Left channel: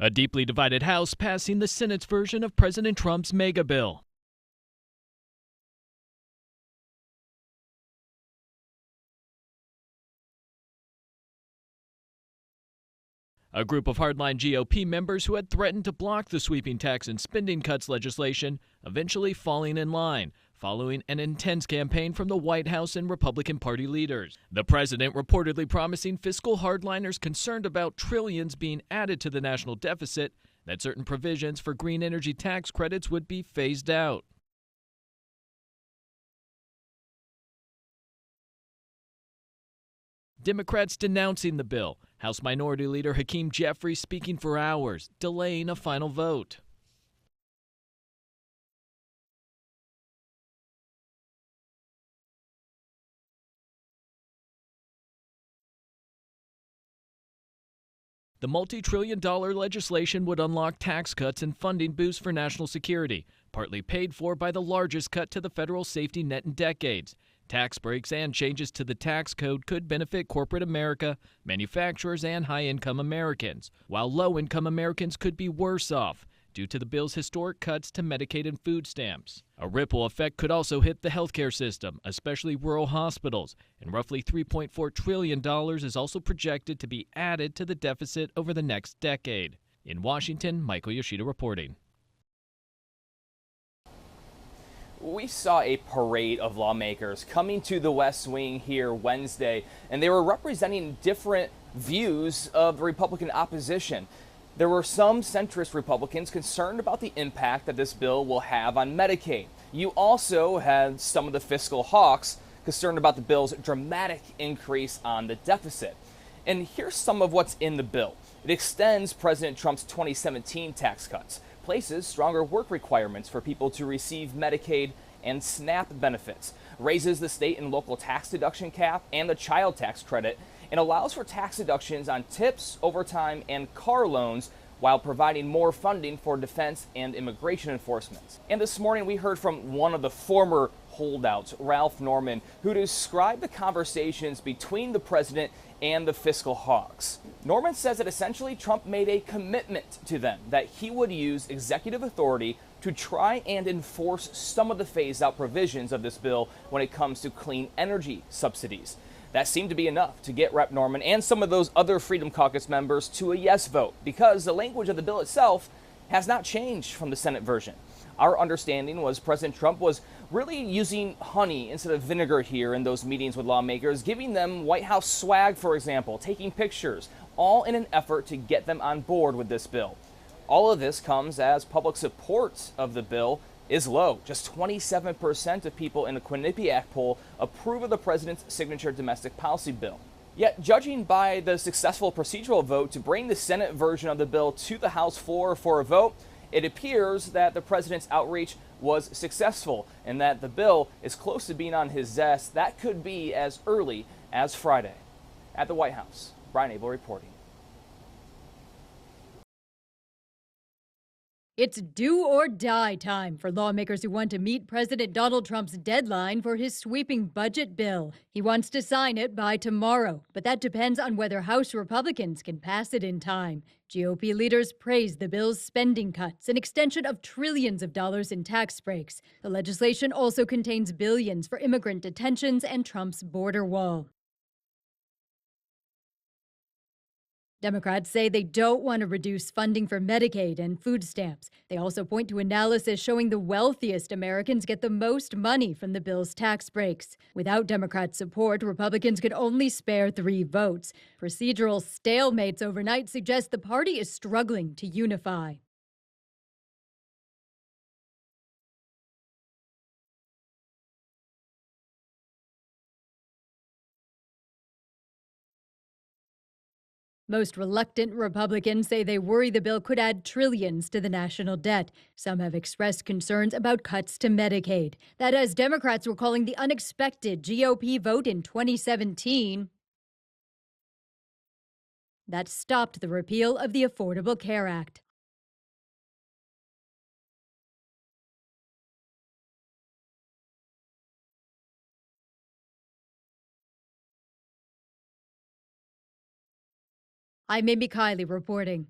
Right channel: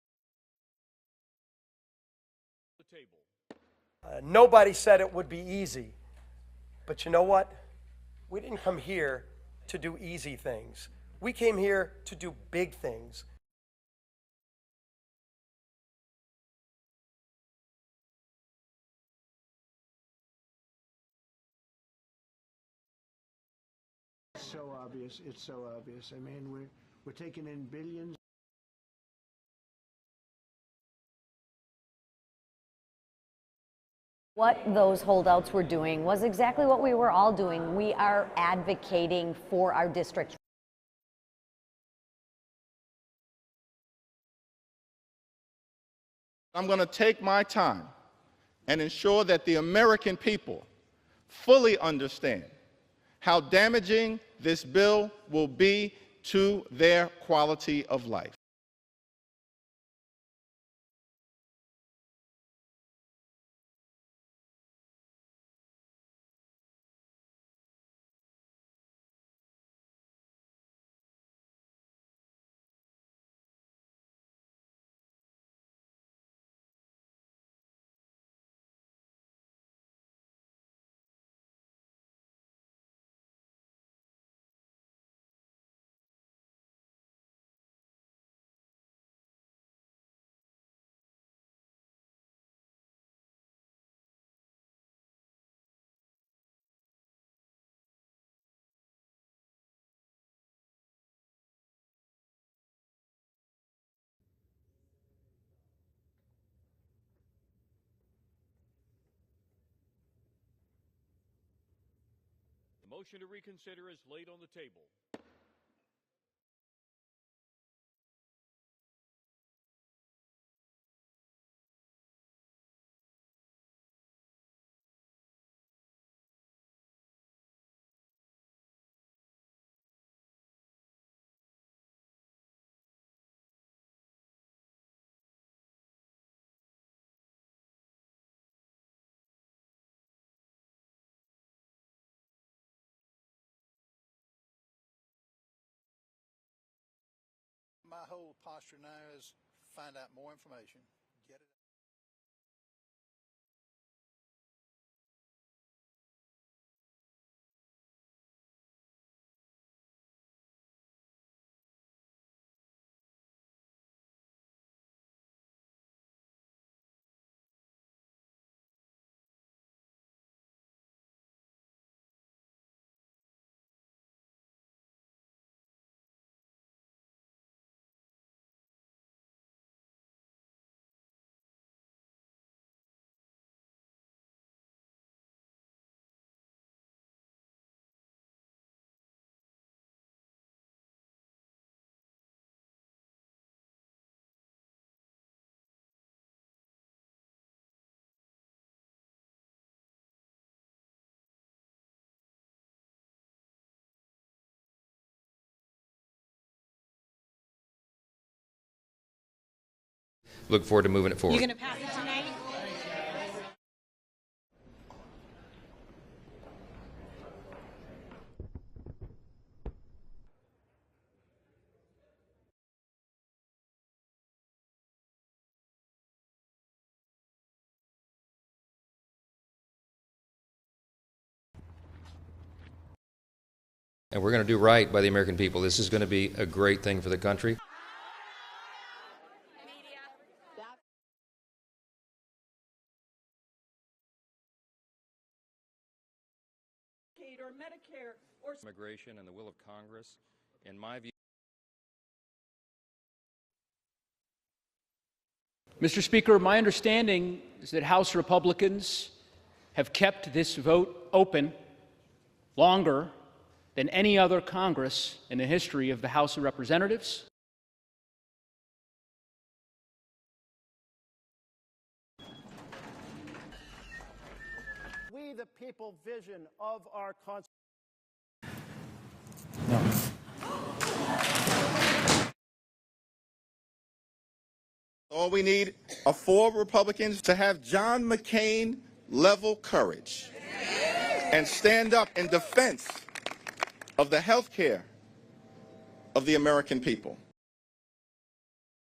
A deeply divided House passing the Senate's version of President Trump's mega bill. Nobody said it would be easy, but you know what? We didn't come here to do easy things. We came here to do big things. A group of hardline GOP members who had threatened to block the sweeping tax and spending cuts legislation eventually falling in line, following an intense campaign from the White House and Republican Party leaders. The president reportedly promising fiscal hardliners concerned about trillions being added to the national deficit that certain provisions for green energy tax credits would be phased out. What those holdouts were doing was exactly what we were all doing. We are advocating for our district. Democrats denouncing the bill. House Minority Leader Hakeem Jeffries speaking for hours, delaying a final vote. I'm going to take my time and ensure that the American people fully understand how damaging this bill will be to their quality of life. The multi-trillion-dollar legislation would unlock tax cuts and funding boosts for national security, partly paid for by the largest cut to the federal safety net in decades. Tax breaks and changes to the tax code could benefit corporate America, manufacturers, and high-income Americans, while low-income Americans could be worse off due to the bill's historic cuts to Medicaid and food stamps. A ripple effect could also hit the healthcare system, especially rural hospitals, and roughly $3.4 trillion is also projected to be added to the deficit over the next decade. In Washington, Michael Yoshida reporting. We saw a parade of lawmakers coming to the West Wing here Wednesday, and they were representing different views of the Republican opposition. There were some centrist Republicans concerned about the impact that this bill will have on Medicaid. You also had some of the fiscal hawks concerned about the bill's dramatic increase on the deficit. And here's some of what's in the bill. It extends President Trump's 2017 tax cuts, places stronger work requirements for people to receive Medicaid and SNAP benefits, raises the state and local tax deduction cap and the child tax credit, and allows for tax deductions on tips, overtime, and car loans while providing more funding for defense and immigration enforcement. And this morning we heard from one of the former holdouts, Ralph Norman, who described the conversations between the president and the fiscal hawks. Norman says that essentially Trump made a commitment to them that he would use executive authority to try and enforce some of the phased-out provisions of this bill when it comes to clean energy subsidies. That seemed to be enough to get Rep. Norman and some of those other Freedom Caucus members to a yes vote, because the language of the bill itself has not changed from the Senate version. Our understanding was President Trump was really using honey instead of vinegar here in those meetings with lawmakers, giving them White House swag, for example, taking pictures, all in an effort to get them on board with this bill. All of this comes as public support of the bill is low. Just 27% of people in a Quinnipiac poll approve of the president's signature domestic policy bill. Yet, judging by the successful procedural vote to bring the Senate version of the bill to the House floor for a vote, it appears that the president's outreach was successful and that the bill is close to being on his desk. That could be as early as Friday. At the White House, Brian Abel reporting. Look forward to moving it forward. It's do or die time for lawmakers who want to meet President Donald Trump's deadline for his sweeping budget bill. He wants to sign it by tomorrow, but that depends on whether House Republicans can pass it in time. GOP leaders praise the bill's spending cuts, an extension of trillions of dollars in tax breaks. The legislation also contains billions for immigrant detentions and Trump's border wall. And we're going to do right by the American people. This is going to be a great thing for the country. Democrats say they don't want to reduce funding for Medicaid and food stamps. They also point to analysis showing the wealthiest Americans get the most money from the bill's tax breaks. Without Democrat support, Republicans could only spare 3 votes. Procedural stalemates overnight suggest the party is struggling to unify. Mr. Speaker, my understanding is that House Republicans have kept this vote open longer than any other Congress in the history of the House of Representatives. Most reluctant Republicans say they worry the bill could add trillions to the national debt. Some have expressed concerns about cuts to Medicaid. That, as Democrats were calling the unexpected GOP vote in 2017, that stopped the repeal of the Affordable Care Act. All we need are 4 Republicans to have John McCain-level courage and stand up in defense of the health care of the American people. I'm Amy Kiley reporting.